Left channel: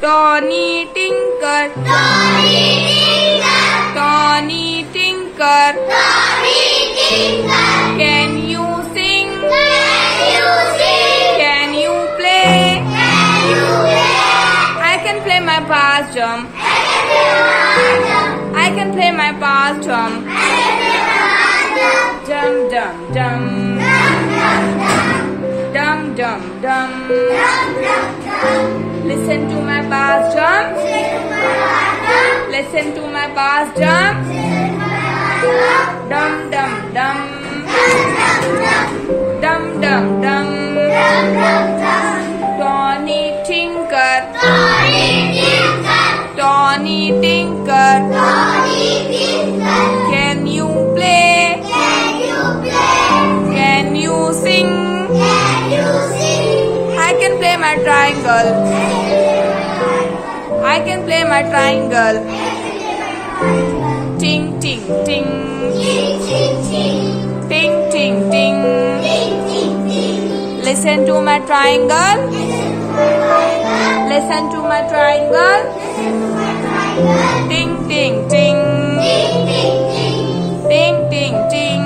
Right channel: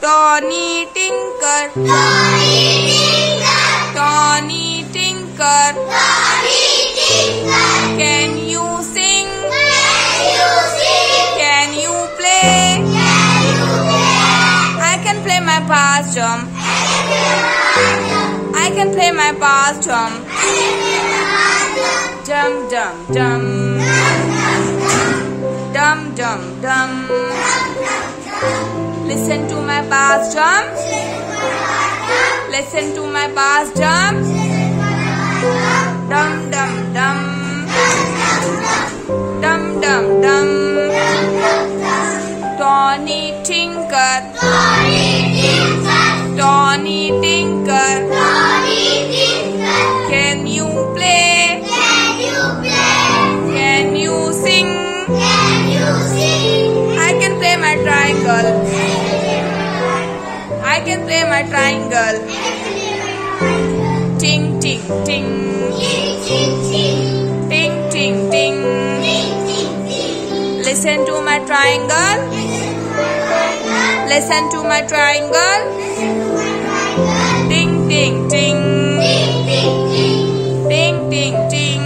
Tony Tinker, Tony Tinker, can you sing? Can you play? I can play my bass drum. I can play my bass drum. Dum dum dum, dum dum dum. Listen to my bass drum. Listen to my bass drum. Dum dum dum, dum dum dum. Tony Tinker, Tony Tinker, can you play? Can you sing? I can play my triangle. I can play my triangle. Ting ting ting, ting ting ting. Listen to my triangle. Listen to my triangle. Ting ting ting, ting ting ting.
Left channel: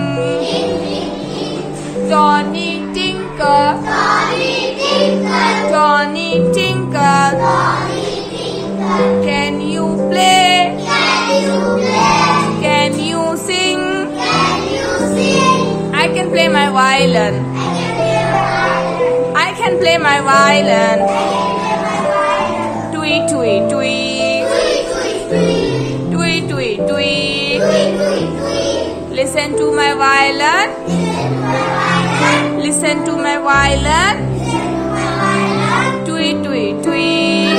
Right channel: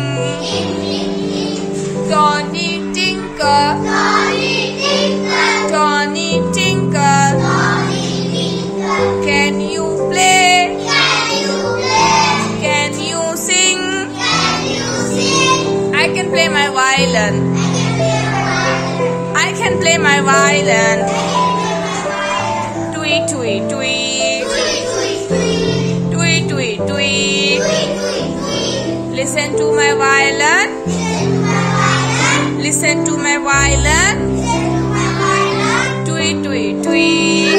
Tony Tinker, Tony Tinker, can you play? Can you sing? I can play my violin. I can play my violin. Tweet tweet tweet, tweet tweet tweet. Listen to my violin. Listen to my violin. Tweet tweet tweet,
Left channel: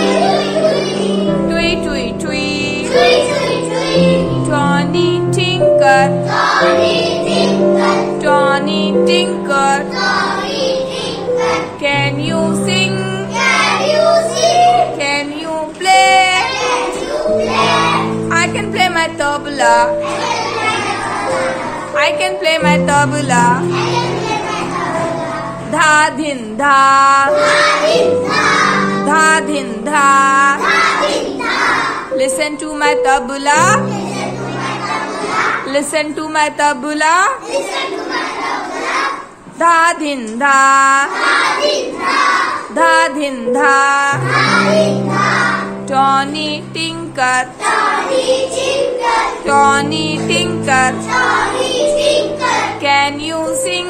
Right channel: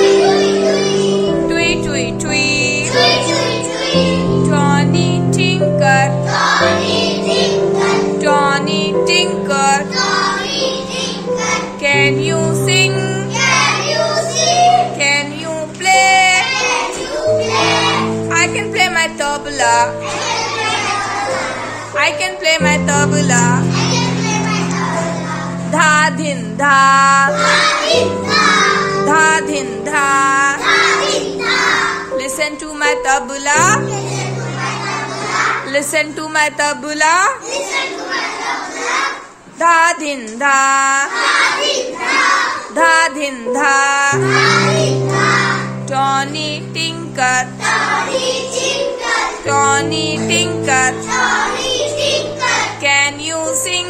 tweet tweet tweet. Tony Tinker, Tony Tinker, can you sing? Can you play? I can play my tabla. I can play my tabla. Dha din dha, dha din dha. Listen to my tabla. Listen to my tabla. Dha din dha, dha din dha. Tony Tinker, Tony Tinker, can you sing?